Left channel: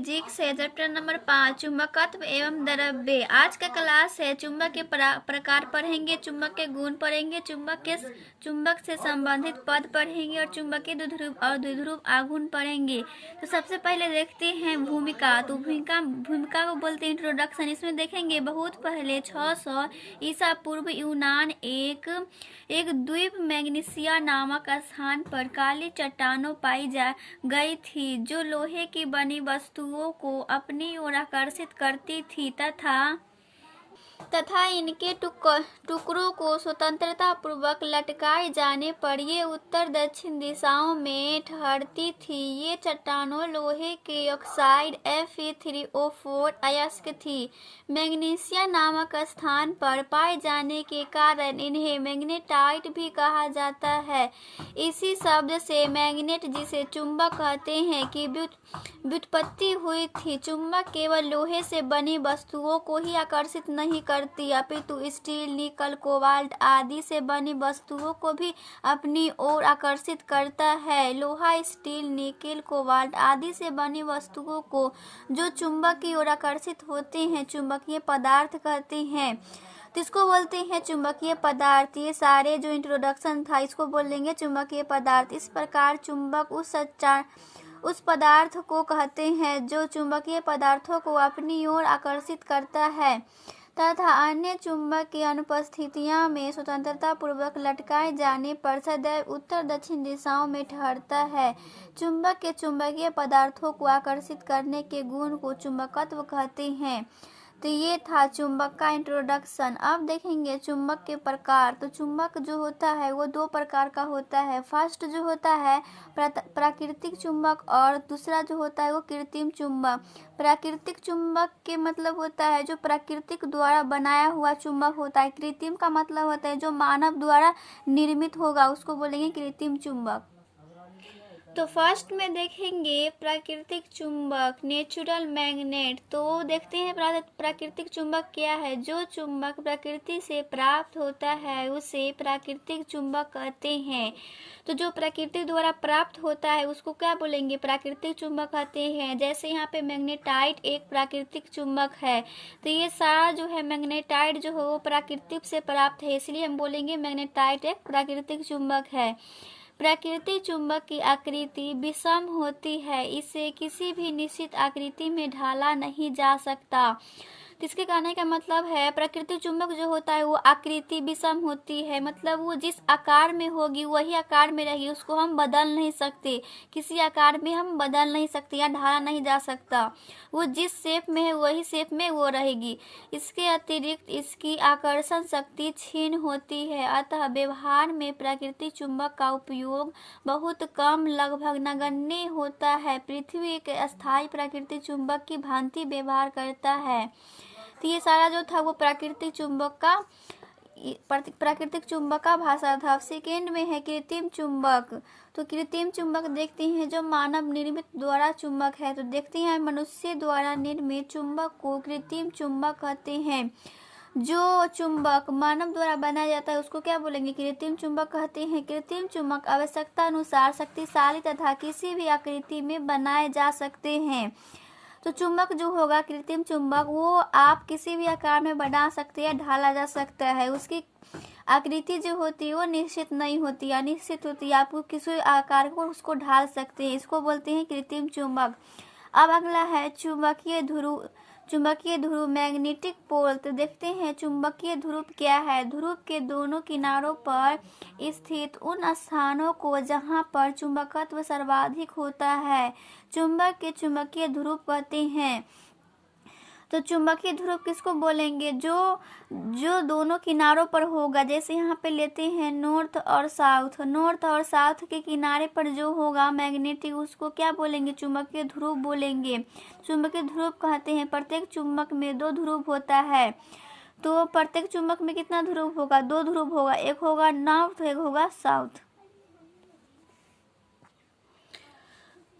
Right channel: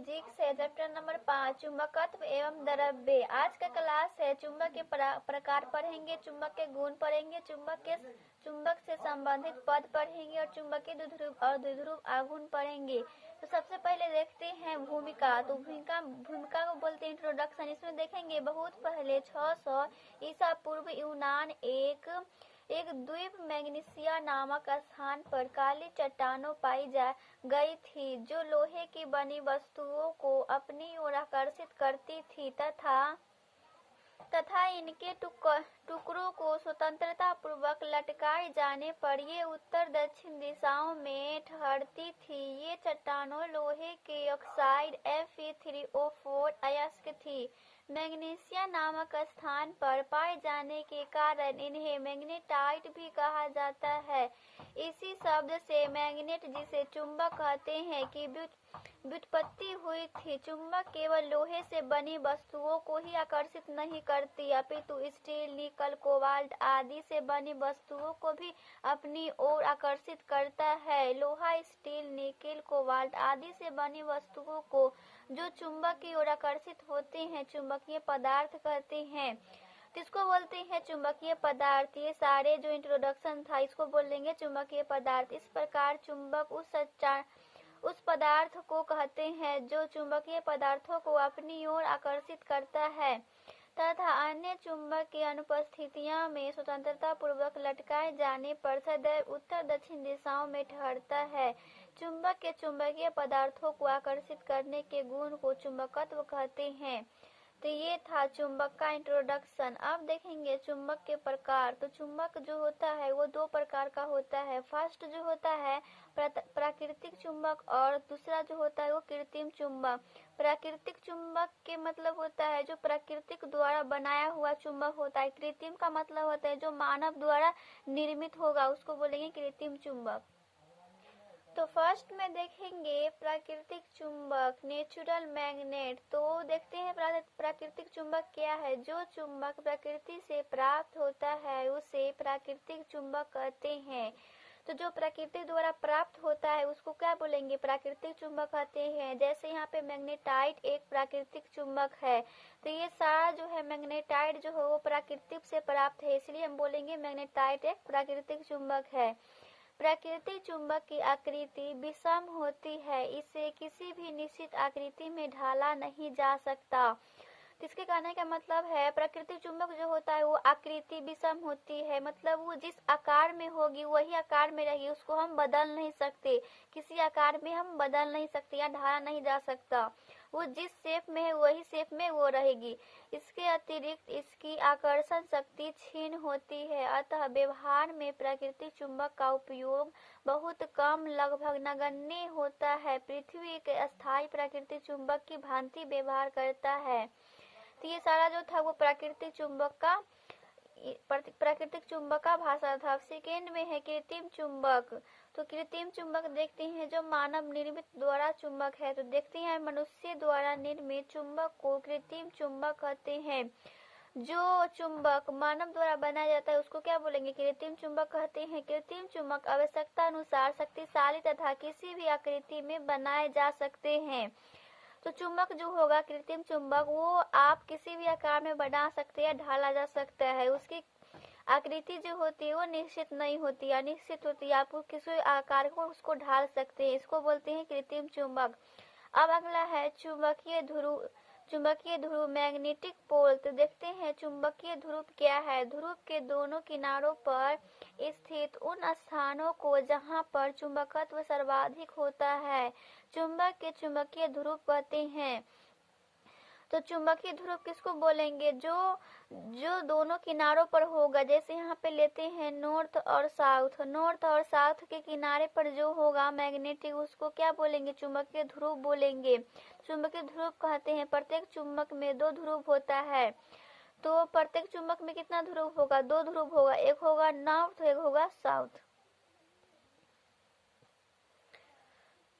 Physics है, chapter number 5 चुंबकत्व एवं द्रव्य। आज का क्लास है चुंबक के प्रकार पढ़ेंगे, चुंबक के गुण पढ़ेंगे, चुंबक से संबंधित पद पढ़ेंगे और चुंबकीय द्विध्रुव और द्विध्रुव आघूर्ण पढ़ेंगे। तो सबसे पहले देखते हैं भूमिका। तो भूमिका को बोलते हैं इंट्रोडक्शन। इसमें देखेंगे बहुत पहले 600 ईसा पूर्व यूनान एक द्वीप मैग्नीसिया नामक स्थान पर काली चट्टानों पाई जा गई थी जो लोहे की बनी वस्तुओं को अपनी ओर आकर्षित करती थी तथा इनके टुकड़ों को स्वतंत्रता पूर्वक लटकाए जाने पर ये उत्तर दक्षिण दिशाओं में ठहरती थी। ये चट्टानों लोहे के ऑक्साइड Fe3O4 अयस्क थी। मैग्नीसिया नामक स्थान पर पाए जाने के कारण इन्हें मैग्नेटाइट भी कहा जाता है। इसी शब्द से मैग्नेट जिसे चुंबक कहते हैं की व्युत्पत्ति हुई थी। चुंबक केवल लोहे से बनी वस्तुओं को ही आकर्षित नहीं करती अपितु स्टील, निकल, कोबाल्ट आदि से बनी वस्तुओं को भी अपनी ओर आकर्षित करता है। लोहा, स्टील, निकल, कोबाल्ट आदि से बनी वस्तुओं को जो चुंबक की ओर आकर्षित होते हैं चुंबकीय पदार्थ कहते हैं। तो इसको बोलते हैं चुंबकीय पदार्थ। ये सारे जो इंट्रोडक्शन था इसको बोलेंगे चुंबकीय पदार्थ। इस प्रकार चुंबक उस पदार्थ को कहते हैं जो चुंबकीय पदार्थों को अपनी ओर आकर्षित करता है तथा अन्य चुंबक की अनुपस्थितियां में स्वतंत्रता पूर्वक लटकाए जाने पर सदैव उत्तर दक्षिण दिशाओं में ठहरता है। चुंबक के चुंबकीय पदार्थों को आकर्षित करने के गुण को चुंबकत्व कहते हैं। तो ये था चुंबक का इंट्रोडक्शन। अब देखेंगे चुंबक के प्रकार। तो चुंबक जो होता है वो दो प्रकार का होता है। फर्स्ट जो होता है प्राकृतिक चुंबक और दूसरा जो होता है वो कृत्रिम चुंबक। प्राकृतिक चुंबक के मतलब होता है जो प्राकृतिक द्वारा बनाया हुआ चुंबक होता है। कृत्रिम का मतलब होता है जो मानव द्वारा निर्मित होगा, उसको बोलेंगे कृत्रिम चुंबक। तो फर्स्ट में देखेंगे प्राकृतिक चुंबक, नेचुरल मैग्नेट। तो देखते हैं प्राकृतिक चुंबक क्या है। जो चुंबक प्रकृति से प्राप्त होता है उसे प्राकृतिक चुंबक कहते हैं। तो जो प्रकृति द्वारा प्राप्त होता है उसको क्या बोलेंगे, प्राकृतिक चुंबक कहते हैं। जैसे यहाँ पे मैग्नेटाइट एक प्राकृतिक चुंबक है। तो ये सारा जो है मैग्नेटाइट जो है वो प्राकृतिक से प्राप्त है, इसलिए हम बोलेंगे मैग्नेटाइट एक प्राकृतिक चुंबक है। प्राकृतिक चुंबक की आकृति विषम होती है, इसे किसी भी निश्चित आकृति में ढाला नहीं जा सकता। इसके कहने का मतलब है प्राकृतिक चुंबक जो होता है वो आकृति विषम होती है, मतलब वो जिस आकार में होगी वही आकार में रहेगी, उसको हम बदल नहीं सकते, किसी आकार में हम बदल नहीं सकते या ढाला नहीं जा सकता। वो जिस शेप में है वही शेप में वो रहेगी। इसके अतिरिक्त इसकी आकर्षण शक्ति क्षीण होती है, अतः व्यवहार में प्राकृतिक चुंबक का उपयोग बहुत कम, लगभग नगण्य होता है। पृथ्वी एक अस्थायी प्राकृतिक चुंबक की भांति व्यवहार करता है। तो ये सारा जो था वो प्राकृतिक चुंबक का भाषा था। सेकेंड में है कृत्रिम चुंबक। तो कृत्रिम चुंबक देखते हैं जो मानव निर्मित द्वारा चुंबक है। तो देखते हैं मनुष्य द्वारा निर्मित चुंबक को कृत्रिम चुंबक कहते हैं। जो चुंबक मानव द्वारा बनाया जाता है उसको क्या बोलेंगे, कृत्रिम चुंबक कहते हैं। कृत्रिम चुंबक आवश्यकता अनुसार शक्तिशाली तथा किसी भी आकृति में बनाए जा सकते हैं। तो चुंबक जो होगा कृत्रिम चुंबक वो आप किसी भी आकार में बना सकते हैं, ढाला जा सकता है। उसकी आकृति जो होती है वो निश्चित नहीं होती, अनिश्चित होती है। आप किसी आकार को उसको ढाल सकते हैं, इसको बोलते हैं कृत्रिम चुंबक। अब अगला है चुंबकीय ध्रुव मैग्नेटिक पोल। तो देखते हैं चुंबकीय ध्रुव क्या है। ध्रुव के दोनों किनारों पर स्थित उन स्थानों को जहां पर चुंबकत्व सर्वाधिक होता है चुंबक के चुंबकीय ध्रुव कहते हैं। तो चुंबकीय ध्रुव किसको बोलेंगे, जो दोनों किनारों पर होगा। जैसे यहाँ पे लेते हैं नॉर्थ और साउथ के किनारे पर जो होगा मैग्नेटिक, उसको क्या बोलेंगे, चुंबकीय ध्रुव बोलेंगे। चुंबकीय ध्रुव कहते हैं। प्रत्येक चुंबक में दो ध्रुव होता है। तो प्रत्येक चुंबक में कितना ध्रुव होगा, दो ध्रुव होगा, एक होगा नॉर्थ एक होगा साउथ।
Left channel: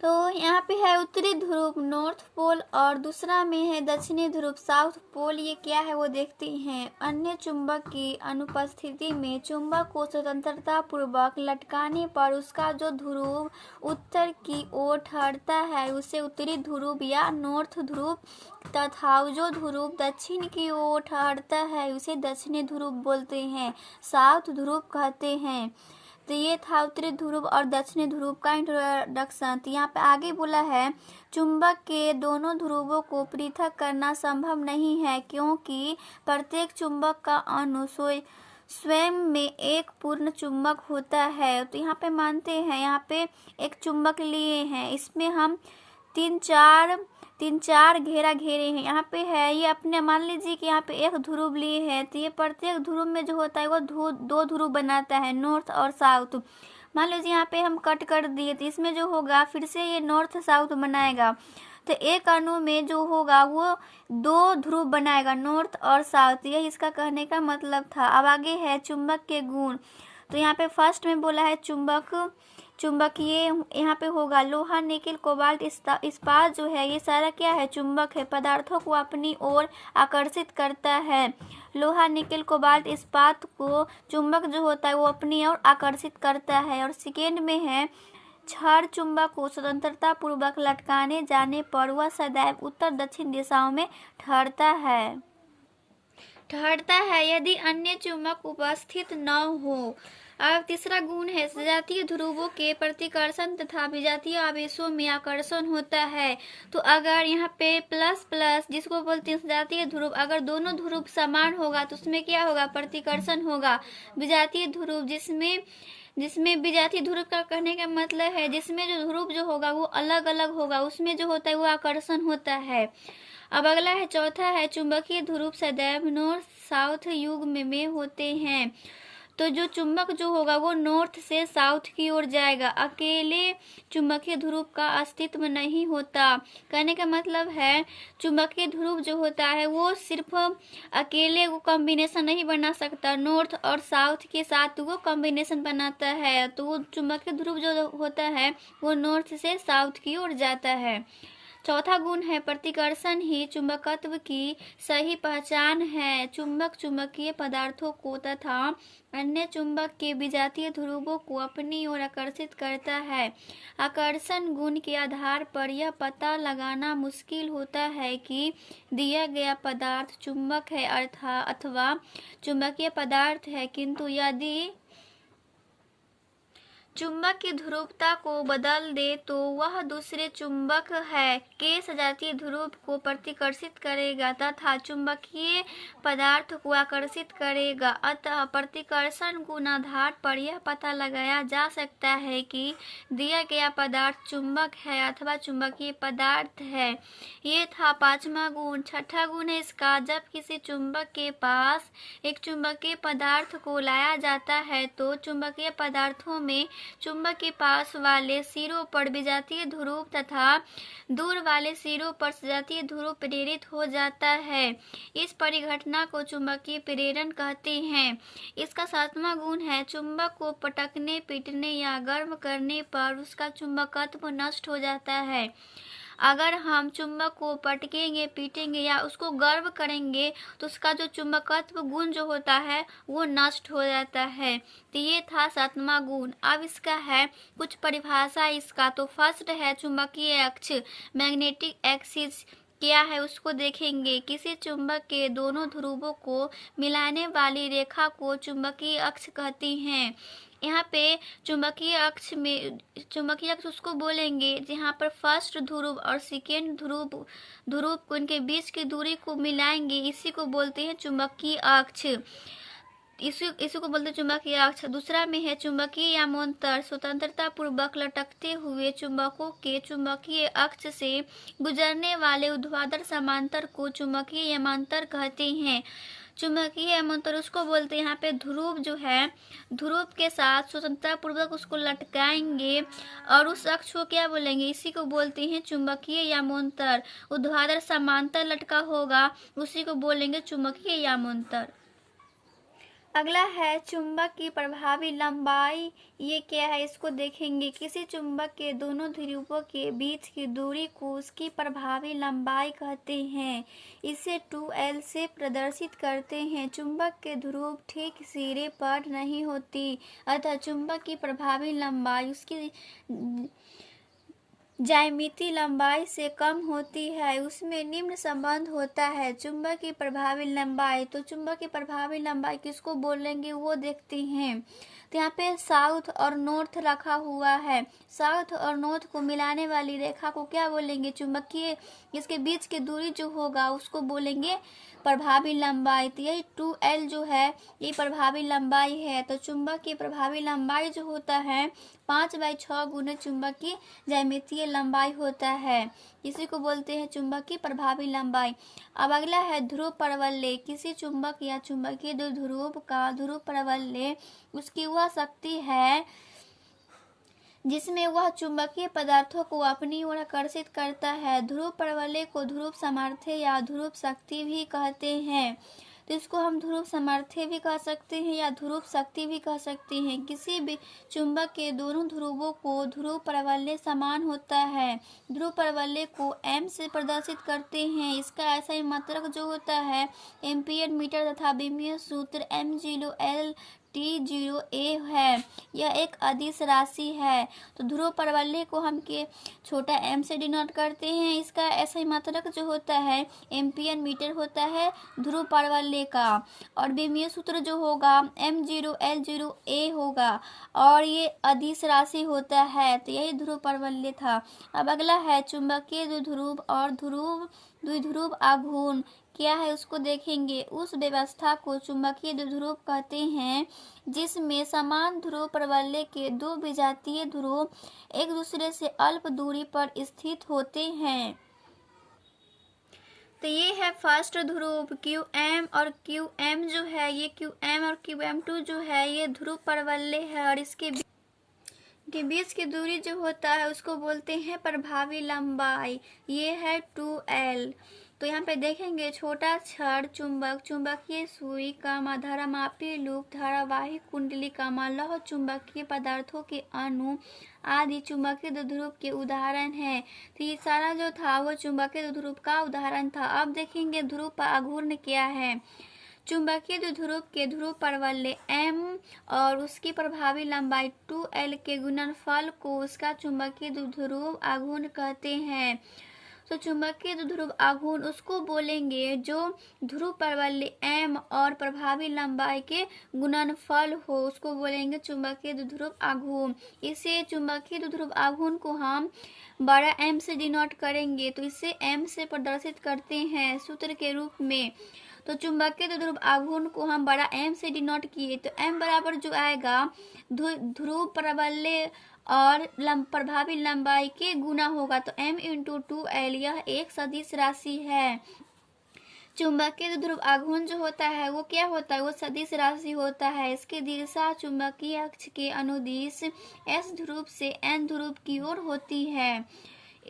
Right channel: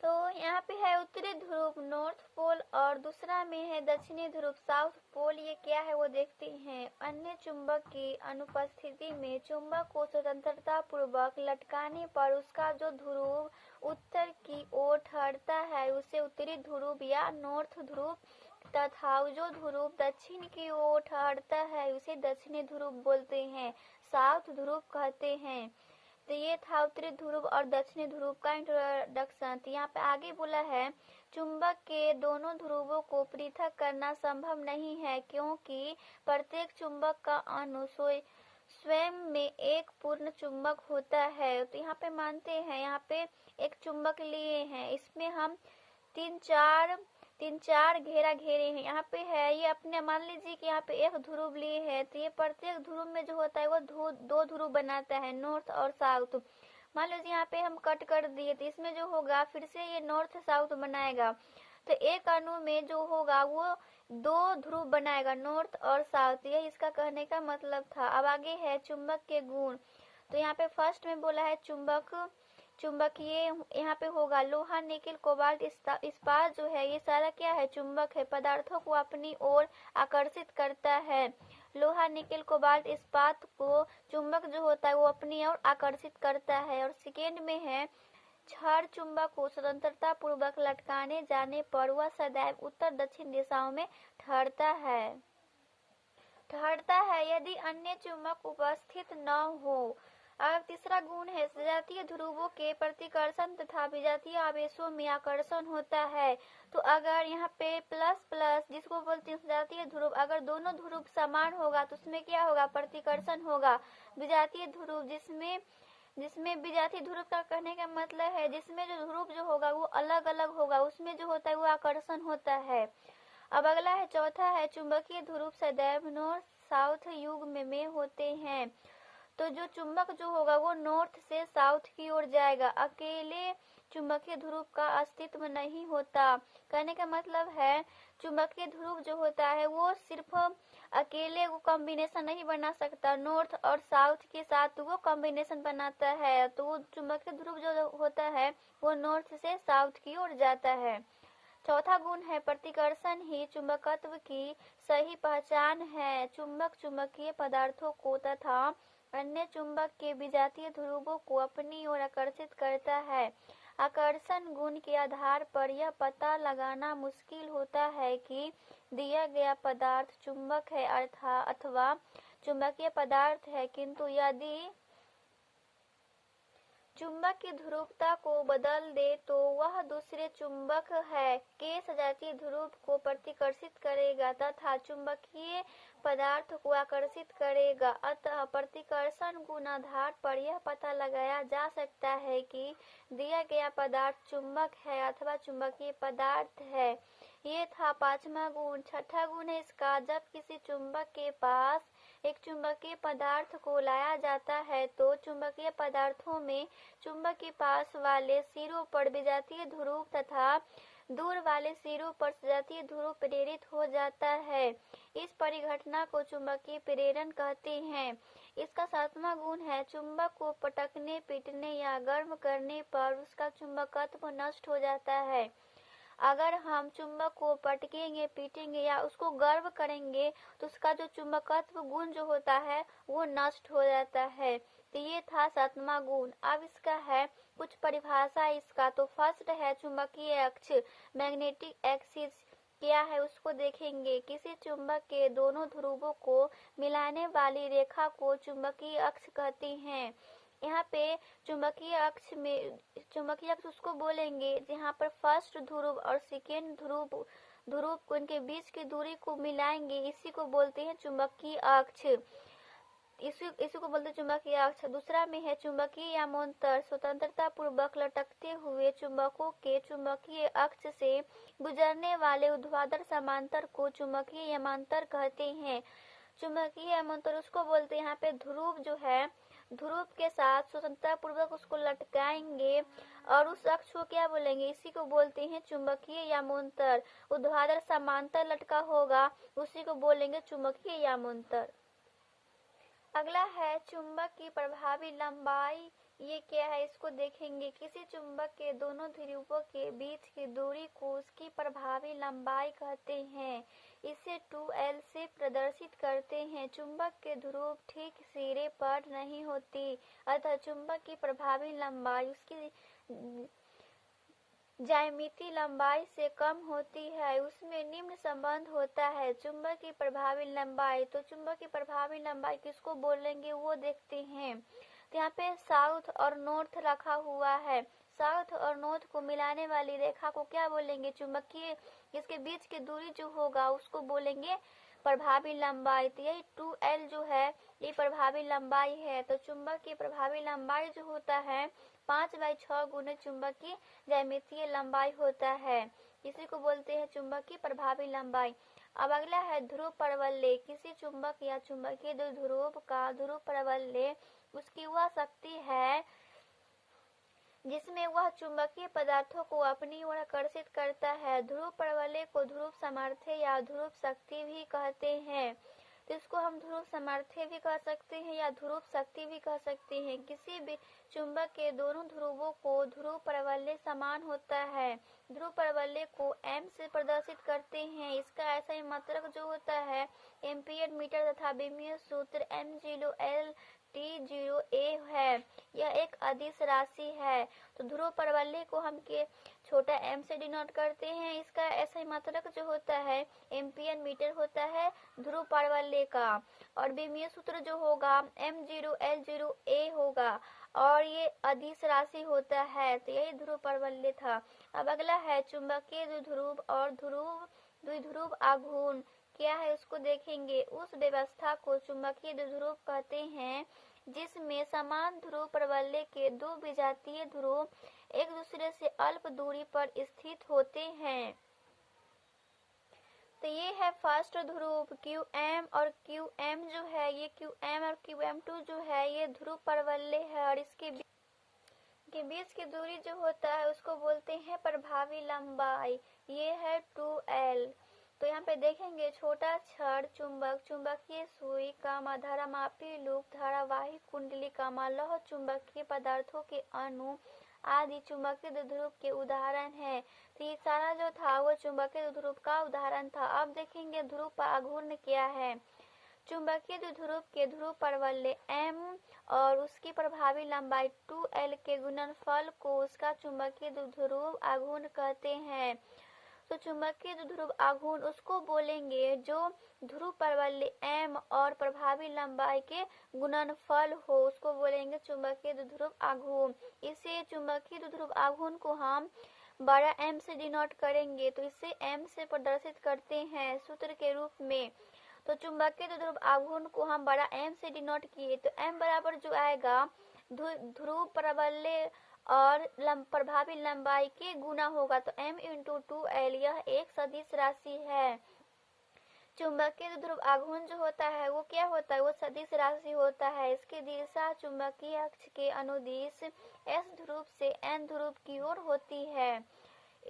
तो यहाँ पे है उत्तरी ध्रुव नॉर्थ पोल और दूसरा में है दक्षिणी ध्रुव साउथ पोल। ये क्या है वो देखते हैं। अन्य चुंबक की अनुपस्थिति में चुंबक को स्वतंत्रता पूर्वक लटकाने पर उसका जो ध्रुव उत्तर की ओर ठहरता है उसे उत्तरी ध्रुव या नॉर्थ ध्रुव तथा जो ध्रुव दक्षिण की ओर ठहरता है उसे दक्षिणी ध्रुव बोलते हैं, साउथ ध्रुव कहते हैं। तो ये था उत्तरी ध्रुव और दक्षिणी ध्रुव का इंट्रोडक्शन। तो यहाँ पे आगे बोला है चुंबक के दोनों ध्रुवों को पृथक करना संभव नहीं है क्योंकि प्रत्येक चुंबक का अणु स्वयं में एक पूर्ण चुंबक होता है। तो यहाँ पे मानते हैं, यहाँ पे एक चुंबक लिए हैं, इसमें हम तीन चार घेरा घेरे हैं। यहाँ पे है ये अपने मान लीजिए कि यहाँ पे एक ध्रुव लिए हैं तो ये प्रत्येक ध्रुव में जो होता है वो दो ध्रुव बनाता है, नॉर्थ और साउथ। मान लीजिए यहाँ पे हम कट कर दिए तो इसमें जो होगा फिर से ये नॉर्थ साउथ बनाएगा। तो एक अणु में जो होगा वो दो ध्रुव बनाएगा, नॉर्थ और साउथ। यही इसका कहने का मतलब था। अब आगे है चुंबक के गुण। तो यहाँ पे फर्स्ट में बोला है चुंबकीय यहाँ पे होगा लोहा निकेल कोबाल्ट इस्पात जो है ये सारा क्या है, चुंबक है, पदार्थों को अपनी ओर आकर्षित करता है। लोहा निकेल कोबाल्ट इस्पात को चुंबक जो होता है वो अपनी ओर आकर्षित करता है। और सेकेंड में है क्षार चुंबक को स्वतंत्रता पूर्वक लटकाने जाने पर वह सदैव उत्तर दक्षिण दिशाओं में ठहरता है यदि अन्य चुंबक उपस्थित न हो। अब तीसरा गुण है सजातीय ध्रुवों के प्रतिकर्षण तथा विजातीय आवेशों में आकर्षण होता है। तो अगर यहाँ पे प्लस प्लस जिसको बोलते हैं सजातीय ध्रुव, अगर दोनों ध्रुव समान होगा तो उसमें क्या होगा, प्रतिकर्षण होगा। विजातीय ध्रुव जिसमें विजातीय ध्रुव का कहने का मतलब है जिसमें जो ध्रुव जो होगा वो अलग अलग होगा, उसमें जो होता है वो आकर्षण होता है। अब अगला है चौथा है चुंबकीय ध्रुव सदैव नॉर्थ साउथ युग में होते हैं। तो जो चुंबक जो होगा वो नॉर्थ से साउथ की ओर जाएगा, अकेले चुंबकीय ध्रुव का अस्तित्व नहीं होता। कहने का मतलब है चुंबकीय ध्रुव जो होता है वो सिर्फ अकेले वो कॉम्बिनेशन नहीं बना सकता, नॉर्थ और साउथ के साथ वो कॉम्बिनेशन बनाता है। तो वो चुंबकीय ध्रुव जो होता है वो नॉर्थ से साउथ की ओर जाता है। चौथा गुण है प्रतिकर्षण ही चुंबकत्व की सही पहचान है। चुंबक चुंबकीय पदार्थों को तथा अन्य चुंबक के विजातीय ध्रुवों को अपनी ओर आकर्षित करता है। आकर्षण गुण के आधार पर यह पता लगाना मुश्किल होता है कि दिया गया पदार्थ चुंबक है अथवा चुंबकीय पदार्थ है, किंतु यदि चुंबक की ध्रुवता को बदल दे तो वह दूसरे चुंबक है के सजातीय ध्रुव को प्रतिकर्षित करेगा तथा चुंबकीय पदार्थ को आकर्षित करेगा। अतः प्रतिकर्षण गुण आधार पर यह पता लगाया जा सकता है कि दिया गया पदार्थ चुंबक है अथवा चुंबकीय पदार्थ है। ये था पांचवा गुण। छठा गुण है इसका, जब किसी चुंबक के पास एक चुंबकीय पदार्थ को लाया जाता है तो चुंबकीय पदार्थों में चुंबक के पास वाले सिरों पर विजातीय ध्रुव तथा दूर वाले सिरों पर सजातीय ध्रुव प्रेरित हो जाता है। इस परिघटना को चुंबकीय प्रेरण कहते हैं। इसका सातवां गुण है चुंबक को पटकने पीटने या गर्म करने पर उसका चुंबकत्व नष्ट हो जाता है। अगर हम चुंबक को पटकेंगे पीटेंगे या उसको गर्म करेंगे तो उसका जो चुंबकत्व गुण जो होता है वो नष्ट हो जाता है। तो ये था सातवां गुण। अब इसका है कुछ परिभाषा इसका। तो फर्स्ट है चुंबकीय अक्ष, मैग्नेटिक एक्सिस क्या है उसको देखेंगे। किसी चुंबक के दोनों ध्रुवों को मिलाने वाली रेखा को चुंबकीय अक्ष कहते हैं। यहाँ पे चुंबकीय अक्ष उसको बोलेंगे जहाँ पर फर्स्ट ध्रुव और सेकेंड ध्रुव को इनके बीच की दूरी को मिलाएंगे, इसी को बोलते हैं चुंबकीय अक्ष। इसी को बोलते हैं चुंबकीय अक्ष। दूसरा में है चुंबकीय यामांतर, स्वतंत्रता पूर्वक लटकते हुए चुंबकों के चुंबकीय अक्ष से गुजरने वाले ऊर्ध्वाधर समांतर को चुंबकीय यामांतर कहते हैं। चुंबकीय यामांतर उसको बोलते हैं, यहाँ पे ध्रुव जो है ध्रुव के साथ स्वतंत्रता पूर्वक उसको लटकाएंगे और उस अक्ष को क्या बोलेंगे, इसी को बोलते हैं चुंबकीय यामांतर। ऊर्ध्वाधर समांतर लटका होगा उसी को बोलेंगे चुंबकीय यामांतर। अगला है चुंबक की प्रभावी लंबाई। ये क्या है इसको देखेंगे। किसी चुंबक के दोनों ध्रुवों के बीच की दूरी को उसकी प्रभावी लंबाई कहते हैं। इसे 2L से प्रदर्शित करते हैं। चुंबक के ध्रुव ठीक सिरे पर नहीं होती, अतः चुंबक की प्रभावी लंबाई उसकी ज्यामितीय लंबाई से कम होती है। उसमें निम्न संबंध होता है। चुंबक की प्रभावी लंबाई, तो चुंबक की प्रभावी लंबाई किसको बोलेंगे वो देखते हैं। तो यहाँ पे साउथ और नॉर्थ रखा हुआ है। साउथ और नॉर्थ को मिलाने वाली रेखा को क्या बोलेंगे? चुंबकीय। इसके बीच की दूरी जो होगा उसको बोलेंगे प्रभावी लंबाई। तो यही 2L जो है ये प्रभावी लंबाई है। तो चुंबक की प्रभावी लंबाई जो होता है 5/6 गुना चुंबक की ज्यामितीय लंबाई होता है। इसी को बोलते हैं चुंबक की प्रभावी लंबाई। अब अगला है ध्रुव प्रवलय। किसी चुंबक या चुंबकीय ध्रुव का ध्रुव प्रवलय उसकी वह शक्ति है जिसमें वह चुंबकीय पदार्थों को अपनी ओर आकर्षित करता है। ध्रुव प्रवलय को ध्रुव सामर्थ्य या ध्रुव शक्ति भी कहते हैं। तो इसको हम ध्रुव सामर्थ्य भी कह सकते हैं या ध्रुव शक्ति भी कह सकते हैं। किसी भी चुंबक के दोनों ध्रुवों को ध्रुव प्रवलय समान होता है। ध्रुव प्रवलय को m से प्रदर्शित करते हैं। इसका ऐसा ही मात्रक जो होता है एम्पीयर मीटर तथा विमीय सूत्र m0L/T0A है। यह एक अदिश राशि है। तो ध्रुव प्रवलय को हम के छोटा m से डिनोट करते हैं। इसका ऐसा ही मात्रक जो होता है एम्पीयर मीटर होता है ध्रुव प्रवलय का, और विमीय सूत्र जो होगा m0L0A होगा, और ये अदिश राशि होता है। तो यही ध्रुव प्रवलय था। अब अगला है चुंबकीय द्विध्रुव और द्विध्रुव आघूर्ण। क्या है उसको देखेंगे। उस व्यवस्था को चुंबकीय द्विध्रुव कहते हैं जिसमें समान ध्रुव प्रवलय के दो विजातीय ध्रुव एक दूसरे से अल्प दूरी पर स्थित होते हैं। तो ये है फर्स्ट ध्रुव QM, और QM जो है ये QM और QM2 जो है ये ध्रुव प्रवलय है, और इसके बीच की दूरी जो होता है उसको बोलते हैं प्रभावी लंबाई। ये है 2L। तो यहाँ पे देखेंगे छोटा छड़, चुंबक, चुंबकीय सुई धारामापी लूप, धारावाही कुंडली लौह चुंबकीय पदार्थों के अणु आदि चुंबकीय द्विध्रुव के उदाहरण है। तो ये सारा जो था वो चुंबकीय द्विध्रुव का उदाहरण था। अब देखेंगे ध्रुव आघूर्ण क्या है। चुंबकीय द्विध्रुव के ध्रुव प्रवलय m और उसकी प्रभावी लंबाई 2L के गुणनफल को उसका चुंबकीय द्विध्रुव आघूर्ण कहते हैं। तो चुंबकीय द्विध्रुव आघूर्ण उसको बोलेंगे जो ध्रुव प्रवलय m और प्रभावी लंबाई के गुणनफल हो, उसको बोलेंगे चुंबकीय द्विध्रुव आघूर्ण। इसे चुंबकीय द्विध्रुव आघूर्ण को हम बड़ा M से डिनोट करेंगे। तो इसे M से प्रदर्शित करते हैं सूत्र के रूप में। तो चुंबकीय द्विध्रुव आघूर्ण को हम बड़ा M से डिनोट किए तो M बराबर जो आएगा ध्रुव प्रवलय और प्रभावी लंबाई के गुना होगा। तो m×2L यह एक सदिश राशि है। चुंबकीय द्विध्रुव आघूर्ण जो होता है वो क्या होता है? वो सदिश राशि होता है। इसकी दिशा चुंबकीय अक्ष के अनुदिश S ध्रुव से N ध्रुव की ओर होती है।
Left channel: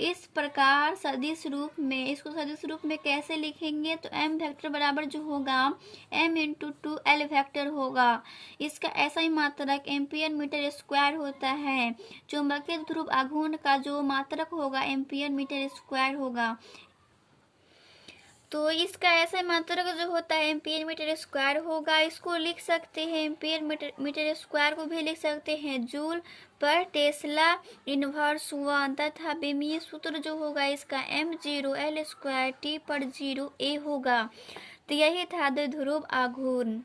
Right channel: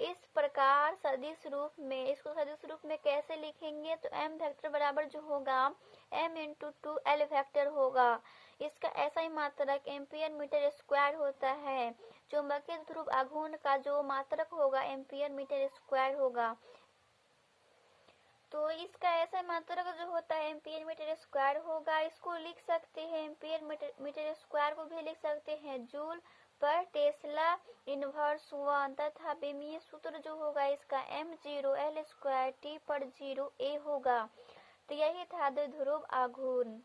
इस प्रकार सदिश रूप में इसको सदिश रूप में कैसे लिखेंगे? तो m वेक्टर बराबर जो होगा m×2L वेक्टर होगा। इसका ऐसा ही मात्रक एम्पीयर मीटर स्क्वायर होता है। चुंबकीय ध्रुव आघूर्ण का जो मात्रक होगा एम्पीयर मीटर स्क्वायर होगा। तो इसका ऐसा मात्रक जो होता है एम्पीयर मीटर स्क्वायर होगा। इसको लिख सकते हैं एम्पीयर मीटर स्क्वायर को भी लिख सकते हैं जूल पर टेस्ला इनवर्स 1, तथा विमीय सूत्र जो होगा इसका m0L² T/0A होगा। तो यही था द्विध्रुव आघूर्ण।